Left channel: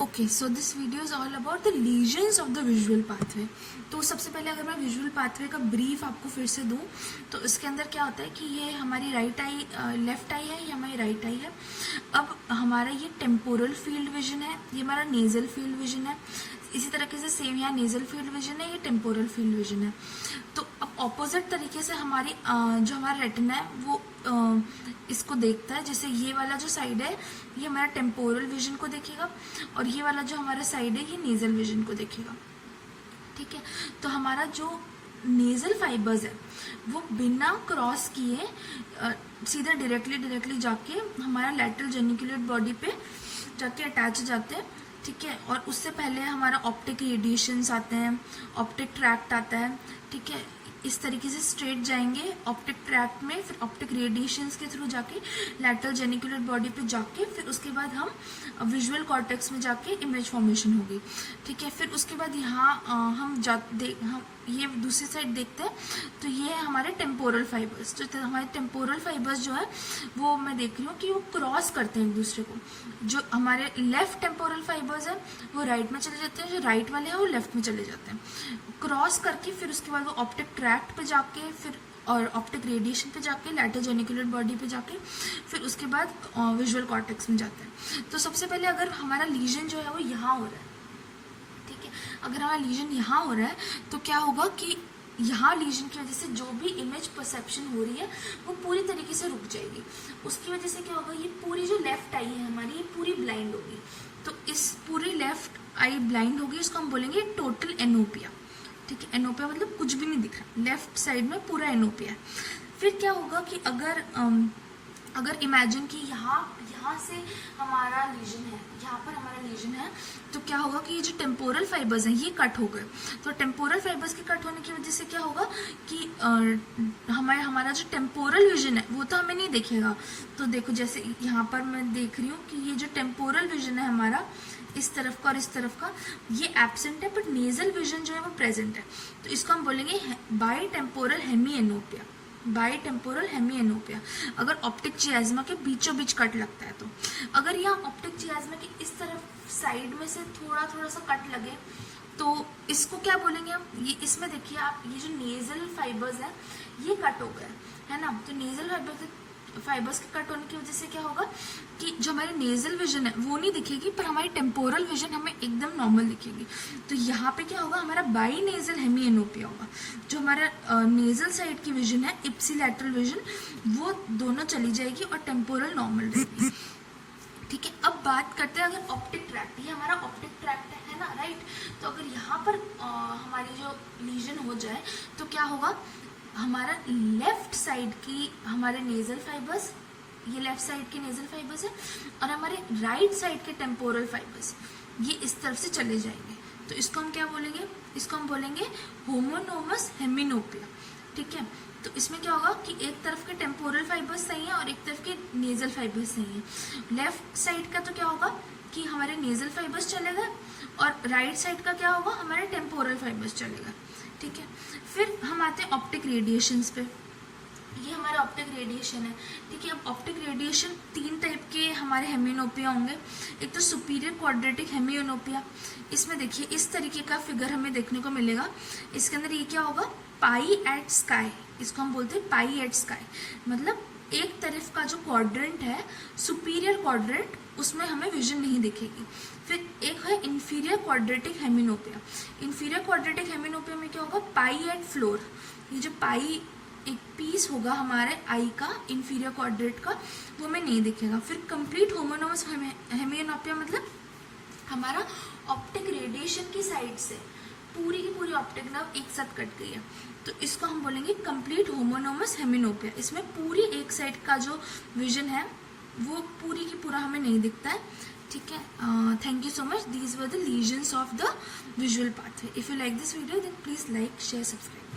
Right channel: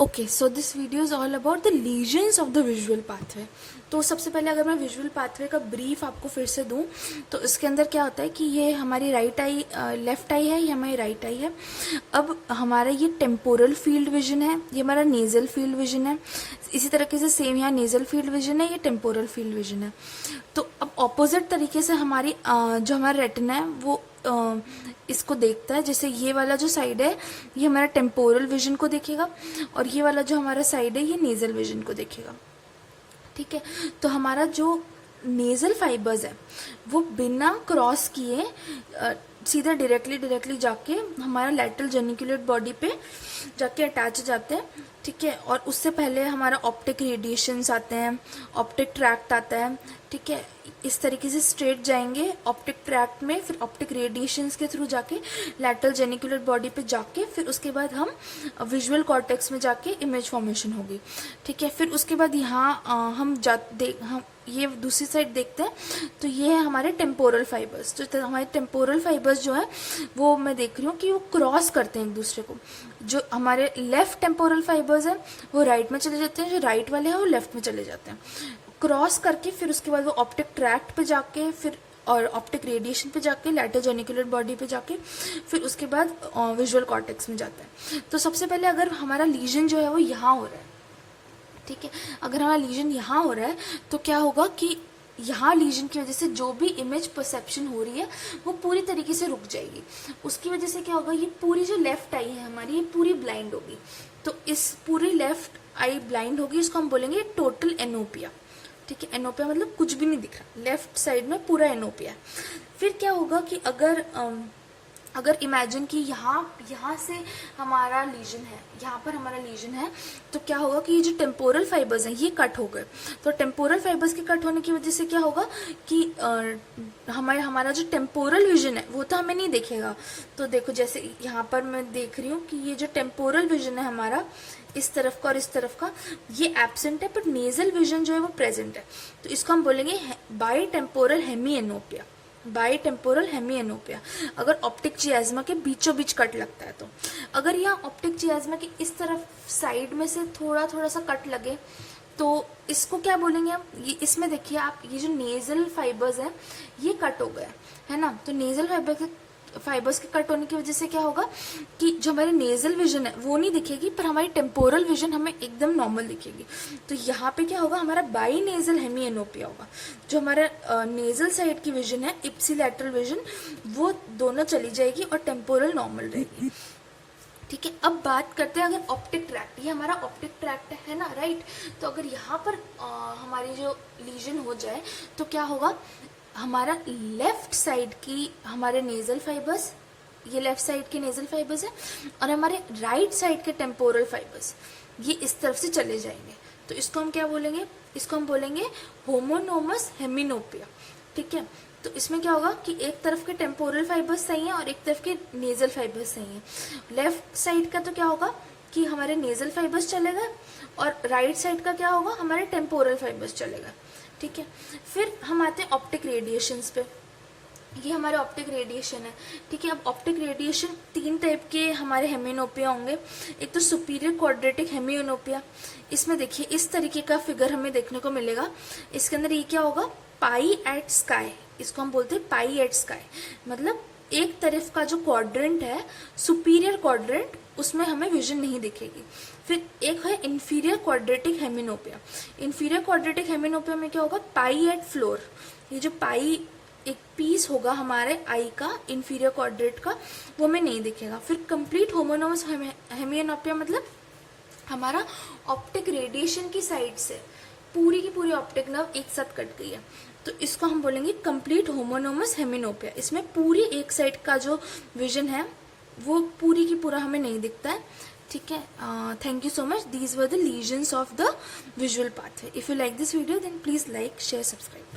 Okay, so this video is all about the lesions of the visual pathway. तो सबसे पहले अगर मैं विजुअल पाथवे का ब्रीफ आपको फिर से दूं तो इसके अंदर क्या होता है कि ये हमारी राइट आई, लेफ्ट आई है, ये हमारी राइट आई है। अब हमारा ये टेम्पोरल फील्ड विजन है, ये हमारा नेजल फील्ड विजन है। इसी तरीके से सेम यहाँ नेजल फील्ड विजन है, ये टेम्पोरल फील्ड विजन है। तो अब ऑपोजिट तरीके से हमारी जो हमारा रेटिना है वो इसको देखता है। जैसे ये वाला जो साइड है ये हमारा टेम्पोरल विजन को देखेगा और ये वाला जो हमारा साइड है ये नेजल विजन को देखेगा। ठीक है, तो हमारा जो नेजल फाइबर्स है वो बिना क्रॉस किए सीधा डायरेक्टली जाके हमारा लैटरल जेनिकुलेट बॉडी पे जाके अटैच हो जाते हैं। ठीक है, और उससे पहले हमारा ऑप्टिक रेडिएशंस आते हैं, ऑप्टिक ट्रैक्ट आता है। ठीक है, इस तरीके से स्ट्रेट जाएंगे ऑप्टिक ट्रैक्ट में, फिर ऑप्टिक रेडिएशंस के थ्रू जाके लैटरल जेनिकुलर बॉडी पे जाके फिर उसके बाद हम विजुअल कॉर्टेक्स में जाके इमेज फॉर्मेशन होगी। ठीक है, फिर उसके बाद यहाँ हम ये दूसरी साइड देखते हैं तो ये है हमारे टेम्पोरल फाइबर्स। जो हमारे टेम्पोरल फाइबर्स जो है वो मैं देख रही हूँ कि वो क्रॉस करते हैं एक दूसरे को। जो हमारे लेफ्ट टेम्पोरल फाइबर्स है वो राइट में चले जाते हैं, जो राइट वाले हैं वो लेफ्ट में चले जाते हैं क्रॉस करके। फिर उसके बाद वो ऑप्टिक ट्रैक्ट पे जाके फिर और ऑप्टिक रेडिएशन पे जाके लैटरल जेनिकुलर बॉडी पे जाके फिर उसके बाद विजुअल कॉर्टेक्स में जाता है। तो सबसे पहले अगर हमारा लीजन जो है वो यहाँ हो रहा है, ठीक है, अगर हमारा लीजन यहाँ हो रहा है तो क्या होगा कि यहाँ लीजन की वजह से जो भी इमेज परसेप्शन हो रही है वो पूरी तरीके से रुक जाएगी। उसकी वजह से क्या होगा, ये पूरी जो लेफ्ट आई है हमारी ये पूरी ब्लाइंड होगी। तो इस पूरी लेफ्ट आई ब्लाइंड होगी, इसको हम बोलेंगे टोटल एनोपिया। ठीक है, एनोपिया मतलब कुछ भी नहीं दिख रहा, लेफ्ट साइड में पूरा एनोपिया है। फिर क्या होगा कि अगर इमेजिन कि यहाँ से हमारा लीजन है, यहाँ पर हमारा लीजन है, तो क्या होगा कि ये जो टेम्पोरल फाइबर्स हैं ये कट हो गए। तो टेम्पोरल फाइबर्स के कट होने की वजह से क्या होगा कि हमारा जो टेम्पोरल विजन है वो तो हमें नहीं दिखेगा। तो देखो जैसे यहाँ पर मैं देख रही हूँ कि ये जो टेम्पोरल विजन है हमारा इस तरफ का और इस तरफ का ये एब्सेंट है, बट नेजल विजन जो है वो प्रेजेंट है। तो इसको हम बोलेंगे bitemporal hemianopia. Bitemporal hemianopia अगर ऑप्टिक चियाज्मा के बीचों बीच कट लगता है। तो अगर यहाँ ऑप्टिक चियाज्मा की इस तरफ साइड में से थोड़ा सा कट लगे तो इसको क्या बोलेंगे हम, ये इसमें देखिए आप, ये जो नेजल फाइबर्स है ये कट हो गए है ना। तो नेजल फाइबर्स के कट होने की वजह से क्या होगा कि जो हमारी नेजल विजन है वो नहीं दिखेगी, पर हमारी टेम्पोरल विजन हमें एकदम नॉर्मल दिखेगी। तो यहाँ पे क्या होगा, हमारा बाई नेजल हेमी एनोपिया होगा। जो हमारा नेजल साइड की विजन है इप्सिलैटरल विजन वो दोनों चली जाएगी और टेम्पोरल नॉर्मल रहेगी। ठीक है, अब बात करते हैं अगर ऑप्टिक ट्रैक्ट, ये हमारा ऑप्टिक ट्रैक्ट है ना, राइट। तो अगर यहाँ पर हमारी जो लीजन हो जाए तो क्या होगा, हमारा लेफ्ट साइड की हमारे नेजल फाइबर्स, ये लेफ्ट साइड के नेजल फाइबर्स है, और हमारे राइट साइड के टेम्पोरल फाइबर्स ये इस तरफ से चले जाएंगे। तो इसको हम क्या बोलेंगे, इसको हम बोलेंगे होमोनोमस हेमिनोपिया। ठीक है, तो इसमें क्या होगा कि एक तरफ के टेम्पोरल फाइबर्स सही है और एक तरफ के नेजल फाइबर्स सही है। लेफ्ट साइड का तो क्या होगा कि हमारे नेजल फाइबर्स चले गए और राइट साइड का क्या होगा, हमारे टेम्पोरल फाइबर्स चले गए। ठीक है, फिर हम आते हैं ऑप्टिक रेडिएशंस पे। ये हमारे ऑप्टिक रेडिएशन है। ठीक है, अब ऑप्टिक रेडिएशन 3 टाइप के हमारे हेमिनोपिया होंगे। एक तो सुपीरियर क्वाड्रेटिक हेमियोनोपिया, इसमें देखिए इस तरीके का फिगर हमें देखने को मिलेगा। इसके अंदर ये क्या होगा, पाई एट स्काई, इसको हम बोलते हैं पाई एट स्काई। मतलब एक तरफ का जो क्वाड्रेंट है सुपीरियर क्वाड्रेंट उसमें हमें विजन नहीं दिखेगी। फिर एक है इंफीरियर क्वाड्रेटिक हेमिनोपिया। इंफीरियर क्वाड्रेटिक हेमिनोपिया में क्या होगा, पाई एट फ्लोर, ये जो पाई एक पीस होगा हमारे आई का इंफीरियर क्वाड्रेट का वो हमें नहीं दिखेगा। फिर कंप्लीट होमोनोमस हेमियोनोपिया मतलब हमारा ऑप्टिक रेडिएशन की साइड से पूरी की पूरी ऑप्टिक नर्व एक साथ कट गई है। तो इसको हम बोलेंगे कंप्लीट होमोनोमस हेमिनोपिया। इसमें पूरी एक साइड का जो विजन है वो पूरी की पूरा हमें नहीं दिखता है। ठीक है, thank you so much. These were the lesions of the visual pathway. If you like this video then please like, share, subscribe.